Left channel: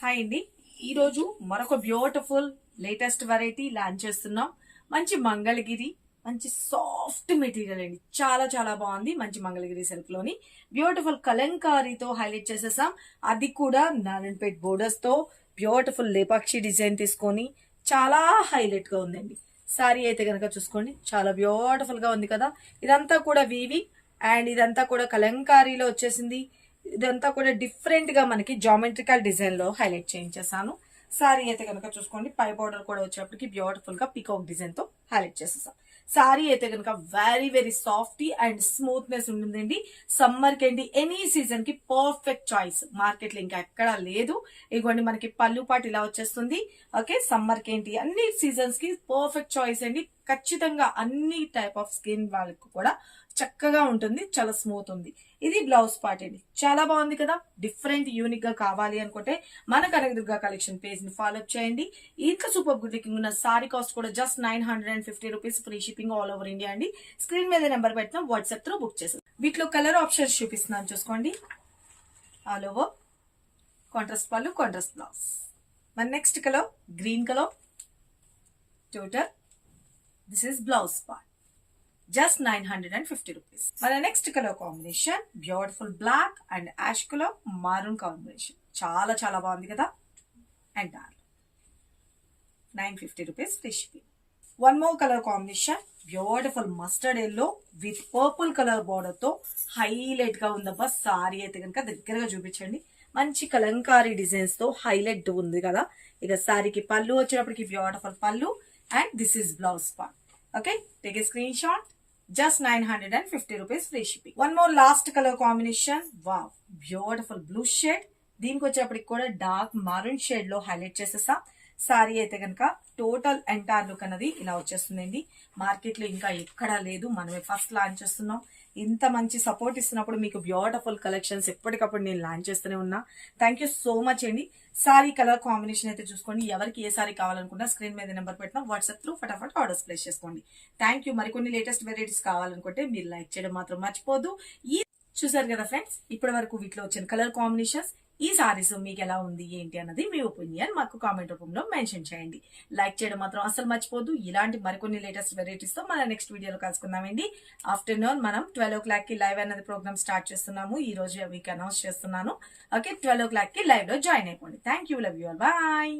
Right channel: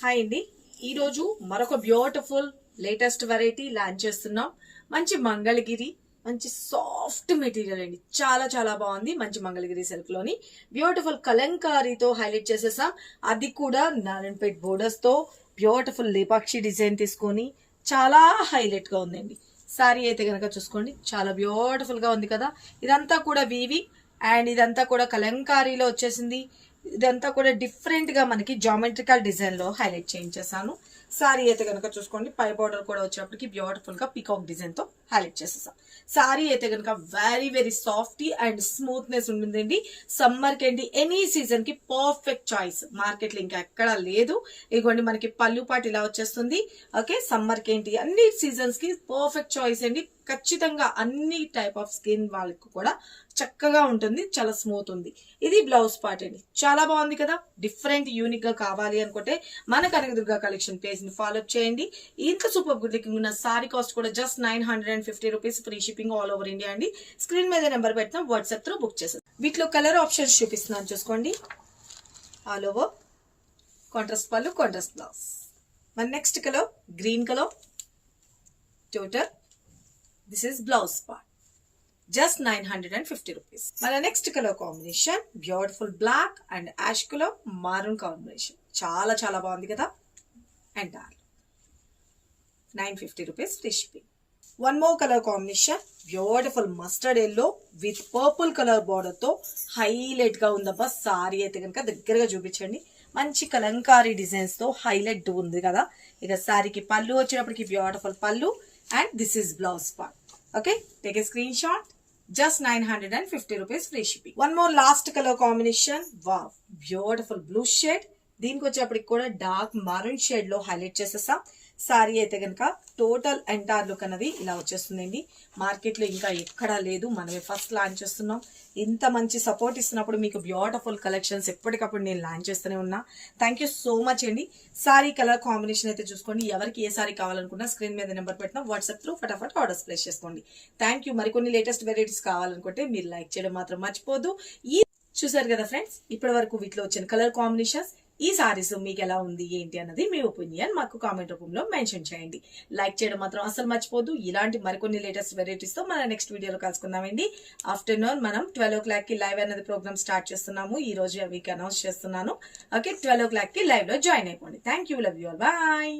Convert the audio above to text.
Hi అండి. ఈరోజు మరొక బ్యూటిఫుల్ లేటెస్ట్ వెరైటీ లాంచ్ చేస్తున్నాం. మంచి మంగళగిరి, మంచి సాఫ్ట్ మెటీరియల్ అండి. చాలా చాలా బాగుంది. మంచి మంగళగిరి సిల్క్ లోని బ్యూటిఫుల్ కలంకారీతో హైలైట్ చేసేసాం. అది కూడా నారాయణపేట్ బోర్డర్స్ తో బ్యూటిఫుల్ లేపాక్షి డిజైన్ తీసుకొని చాలా హైలైట్ గా ఉందండి. సారీ అయితే కనుక చూసుకోండి, చాలా బ్యూటిఫుల్ గా ఉంది కదా. ఇదంతా కూడా వీవి అండ్ ఇదంతా కూడా కలంకారీలో వచ్చేసింది. ఇదంతా కూడా డిఫరెంట్ గా మనకి జామెట్రికల్ డిజైన్ లో హైలైట్ చేయించేసాను. సారీ అయితే కనుక చూసుకోండి, పై బోర్డర్ కూడా వచ్చేప్పటికి బ్యూటిఫుల్ గా పికాక్ డిజైన్ తో హైలైట్ చేసేసాం. సారీ అయితే కనుక very very soft and smoothness ఉంటుందండి. సమ్మర్ కి అండి, ఎనీ సీజన్ కి పర్ఫెక్ట్ చాయిస్. మార్కెట్ లో ఇంకా ఎక్కడా లేదు. ఇదిగోండి మనకి పళ్ళు పాటు ఇలా వచ్చేస్తుంది. ఓకే, సమ్మర్ కి ఏంటి అన్ని సీజన్స్ కి పర్ఫెక్ట్ చాయిస్ అండి. ఖచ్చితంగా అన్ని టైప్ ఆఫ్ స్కిన్ వాళ్ళకి కూడా చక్కగా ఉంటుంది, చాలా స్మూత్ ఉంది. ఇది బ్లౌజ్ పార్ట్ అండి, చాలా బాగుంది కదా. డిఫరెంట్ యూనిక్ గా కావాలి అనుకుంటే మన కనకదుర్గ కలెక్షన్ పేజ్ ని ఫాలో చేయండి. ఇంత సూపర్ గుడ్ లుకింగ్ ఉన్న సారీ కాస్ట్ కూడా just 950 rupees, free shipping all over India అండి. స్క్రీన్ మీద నెంబర్ పెట్టినా వాట్సాప్ త్రూ బుక్ చేసాం. వీటిలో కలర్ ఆప్షన్స్ చూపిస్తున్నాను చూసుకోండి. ఆల్ ఓవర్ కాంట్రాస్ట్ పళ్ళు, కాంట్రాస్ట్ బ్లౌజ్. మన next colour green colour total. This is blouse part, just 950 rupees. మన next colour combination beautiful black and ash colour maroon combination. చాలా చాలా బాగుంది కదా. And 950 rupees free shipping. One more colour combination beautiful mustard yellow with purple colour border తో highlight గా ఉందబ్బా. Sorry అయితే కనుక దగ్గరగా చూపించండి. మంచి కలంకారీ డిజైన్స్ తో హైలైట్ ఉంది కదా. ఇక సారీకి పళ్ళు వచ్చేటప్పటికి బ్యూటిఫుల్ పళ్ళు and this is blouse part. Okay, take a screen shot. Just 950 rupees free shipping. One more last color combination. Wow, beautiful blue shade. దీనికి వచ్చేప్పటికి కూడా డార్క్ మారూన్ షేడ్ లో హైలైట్ చేసేసా. సారీ అయితే కనుక టోటల్ ఎంటైర్ లుక్ అనేది ఇలా వచ్చేస్తుందండి. మార్కెట్ లో ఇంకా ఎక్కడా లేదు, మనమే ఫస్ట్ లాంచ్ చేస్తున్నాం. ఇంత మంచి సపోర్ట్ ఇస్తున్నప్పుడు మీకు బ్యూటిఫుల్ కలెక్షన్స్ ఎప్పటికప్పుడు నేను లాంచ్ చేస్తూనే ఉన్నా. థ్యాంక్ యూ సో మచ్ అండి. సారీ కలర్ కాంబినేషన్ అయితే చూసుకోండి. ఎవరికి ఏ సారీ కావాలనుకున్నా స్క్రీన్ మీద నెంబర్ పెట్టినా వాట్సాప్ త్రూ ఫటాఫట్ ఆర్డర్స్ ప్లేస్ చేసుకోండి. Thank you. మరికొన్ని లేటెస్ట్ వెరైటీస్ కావాలనుకుంటే మీరు లైక్ చేయడం మాత్రం మర్చిపోదు. ఈ చూసారు కదా ఫ్రెండ్స్, ఇప్పటి వరకు వీటిలో వచ్చిన కలర్ కాంబినేషన్స్, ఈ సారీస్ మీకు ఎలా ఉంది ఏంటి అన్నది మీ ఒపీనియన్ మాకు కామెంట్ రూపంలో మెన్షన్ చేయండి. లైక్ చేయడం మాత్రం అసలు మర్చిపోదు. ఇలాంటి మరికొన్ని లేటెస్ట్ వెరైటీస్ తో మన నెక్స్ట్ వీడియోలో కలుసుకుందామండి. ఆఫ్టర్నూన్ మనం 12 o'clock కి లైవ్ అన్నది ప్రోగ్రామ్ స్టార్ట్ చేస్తున్నాము. ఈ రోజు వీక్ అనౌన్స్ చేస్తున్నాను. ఓకే, 12 o'clock కి లైవ్ లో జాయిన్ అయిపోండి. Thank you, love you all, bye.